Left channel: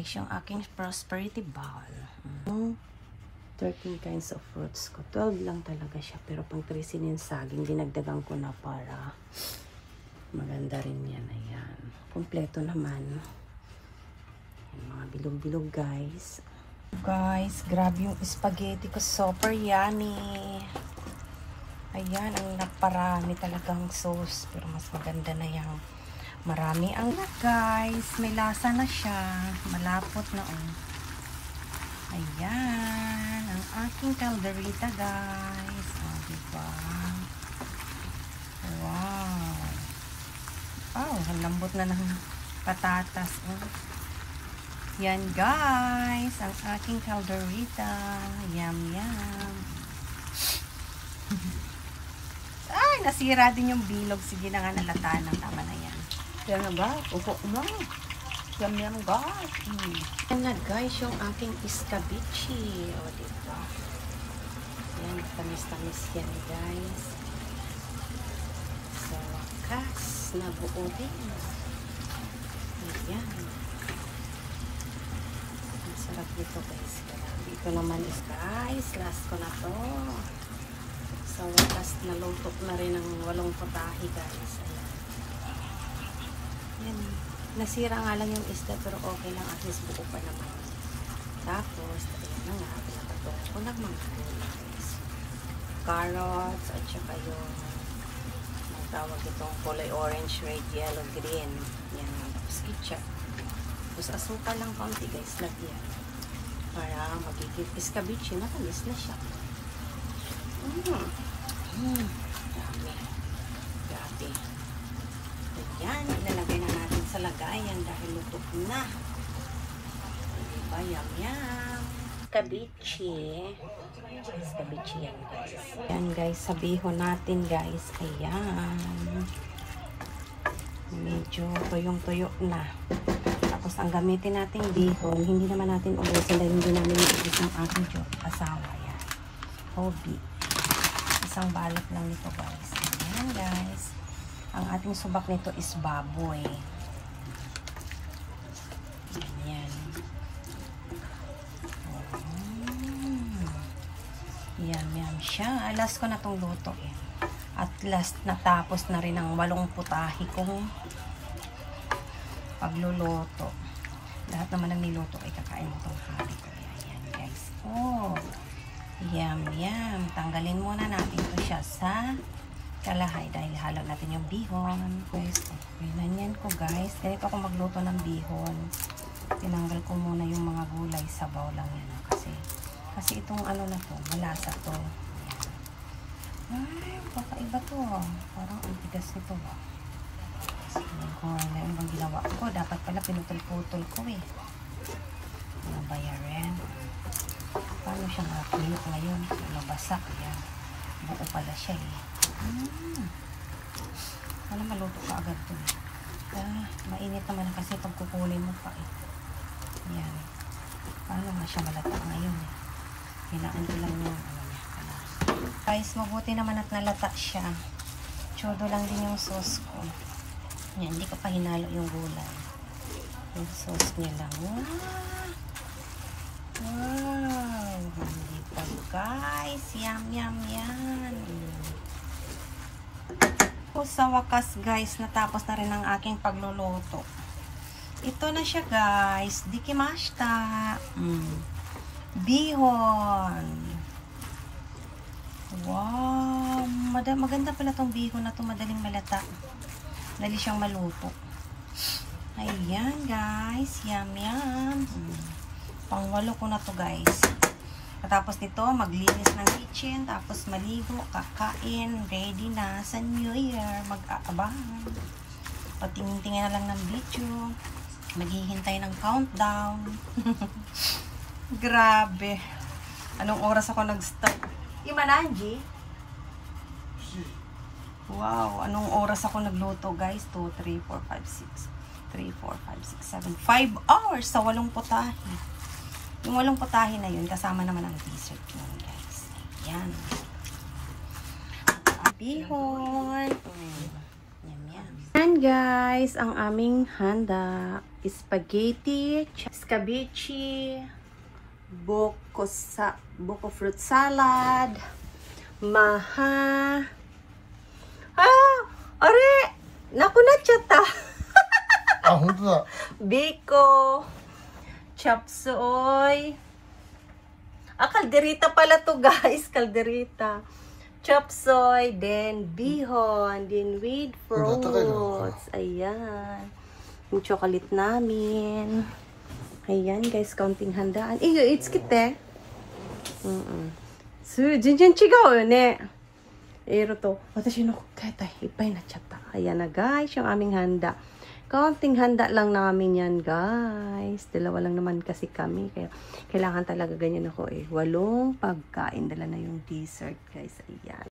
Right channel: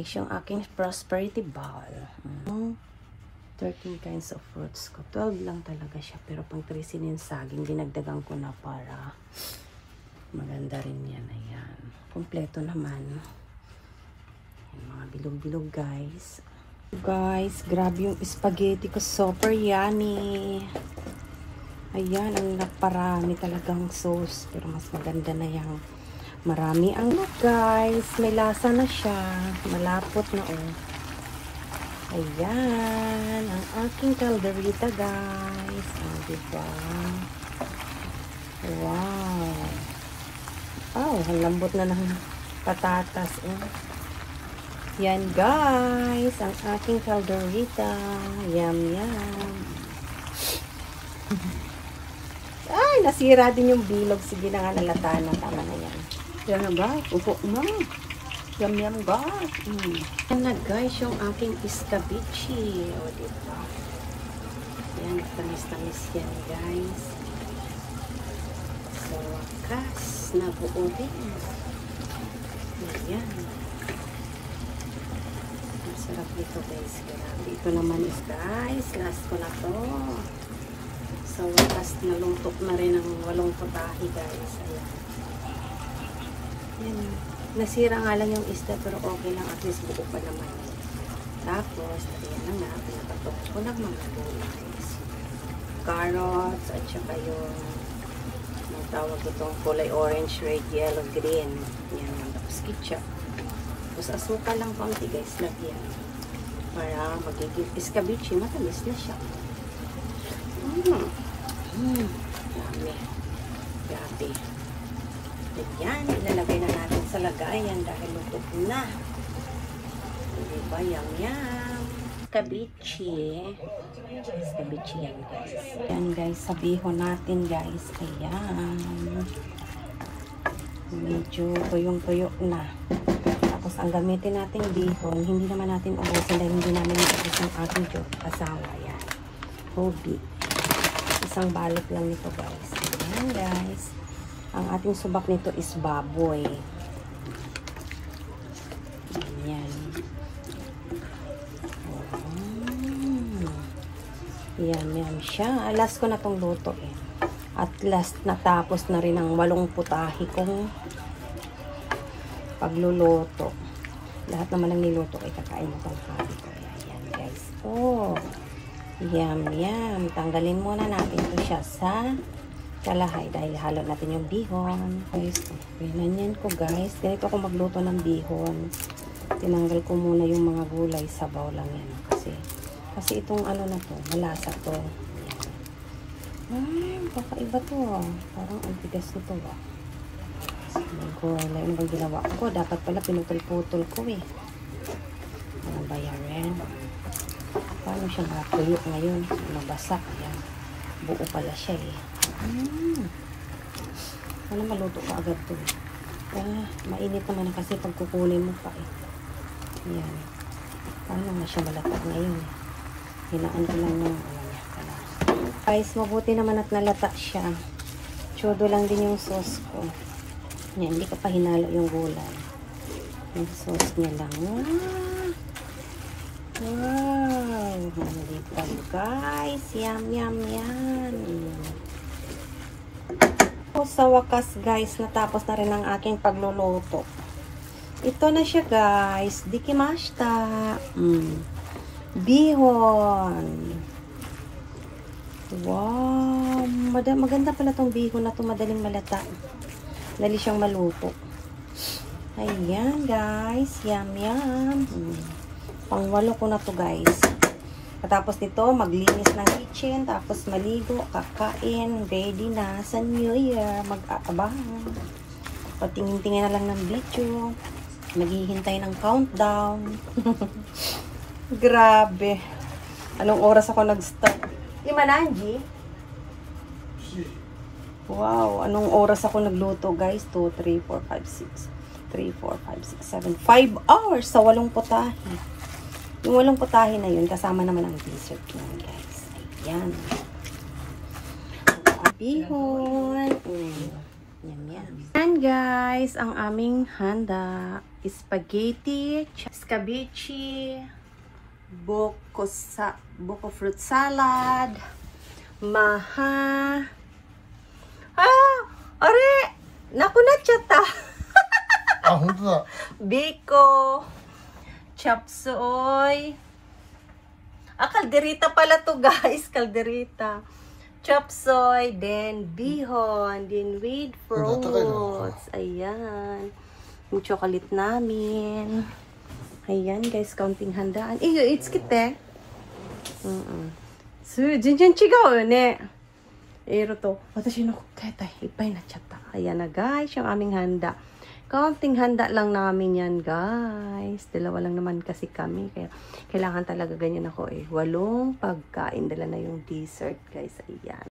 Yung aking prosperity bowl. 13 kinds of fruits ko. 12 lang talaga siya. Pero pang 13 yung saging, dinagdagan ko na para maganda rin yan. Ayan. Kompleto naman. Mga bilog-bilog guys. Guys, grabe yung spaghetti ko. Super yummy. Ayan, ang naparami talagang sauce. Pero mas maganda na yan. Marami ang guys. May lasa na siya. Malapot na Ayan, ang aking calderita guys. Diba? Wow. Oh, ang lambot na ng patatas. Yan guys, ang aking calderita. Yum, yum. Ay, nasira din yung bilog. Sige na nga, nalata na. Tama na yan. Yan na ba? Upo na. Yum, yum ba? Yan na guys, yung aking iskabichi. O, diba? Yan, tamis-tamis yan guys. So, kas na buuhin. Yan. Masarap dito guys. Dito naman is guys, last ko na to. So, last na luntok na rin ang walong putahe guys. Ayan. Yan. Nasira nga lang yung isda pero okay lang, at least buo pa naman. Tapos, ayan lang natin. Walang mga guys. Carrots at saka yung tawag ko itong kulay orange, red, yellow, green. Yan. Tapos ketchup. Tapos asukal lang konti guys. Lagyan. Para magiging iskabichi. Matamis na siya. Yummy. Grabe. Yan. Ilalagay na natin sa lagayan dahil lutok na. Diba? Yum, yum. Iskabichi. Iskabichi yan guys. Yan guys. Sabihin natin guys. Ayan. Medyo tuyong-tuyo na. Tapos ang gamitin natin bihon. Hindi naman natin ubusin dahil hindi namin ubusin ang ating asawa. Yan. Tubig. Isang balot lang nito guys. Ayan guys. Ang ating subak nito is baboy. Ayan. Yan siya. Last ko na tong luto eh. At last natapos na rin ang 8 putahe kong pagluluto. Lahat naman ng niluto ay kakain mo tong habi ko. Ayan guys. Oh. Yum, yum. Tanggalin muna natin ito siya sa kalahay dahil halo natin yung bihon. Guys, pinanyan ko guys. Ganito ako magluto ng bihon. Tinanggal ko muna yung mga gulay. Sabaw lang yan. Kasi itong ano na to, malasa to. Ay, baka iba to. Parang ang tigas nito ba. May gulay. Ano ba ginawa ko? Dapat pala pinutol-putol ko eh. Ano ba yan? Paano siya matuyo ngayon? Mabasa. Ayan. Buo pala siya eh. Sana maluto ka agad to eh. Mainit naman kasi pag kukunin mo pa eh. Ayan. Paano nga siya malatag ngayon? Hinaan ko lang yung guys, mabuti naman at nalata siya. Tsodo lang din yung sauce ko. Yan, hindi ko pa hinalo yung gulay. Yung sauce niya lang. Wow! Malipad guys. Yum, yum, yan. Sa wakas guys, natapos na rin ang aking pagluluto. Ito na siya guys. Dikimashita. Bihon. Wow. Maganda pala tong bihon na to. Madaling malata. Dali siyang maluto. Ayan guys. Yum, yum. Pang-8 ko na to guys. Tapos nito, maglinis ng kitchen, tapos maligo, kakain, ready na sa New Year, mag-aabangan. Patingin-tingin na lang ng video, naghihintay ng countdown. Grabe. Anong oras ako nag-start? Imananji? Wow, anong oras ako nagluto guys? 2, 3, 4, 5, 6. 3, 4, 5, 6, 7. 5 hours sa 8 putahe. Yung 8 putahe na yun, kasama naman ang dessert yun, guys. Yan. Bihon. Yan, yan. Yan, guys, ang aming handa. Spaghetti, scabeche, buko fruit salad, maha. Are! Naku na chata. Biko, chop suey. Kalderita pala to guys, kalderita. Chop suey, then bihon, then with fruits. Ayan. Yung chocolate namin. Ayan guys, counting handaan. It's kite. So, jinjin chigaw ne. Ero to. Watashi no kata ipay na chata. Ayan na guys, yung aming handa. Counting handa lang namin yan guys. Dalawa lang naman kasi kami. Kaya kailangan talaga ganyan ako 8 pagkain. Dala na yung dessert guys. Ayan.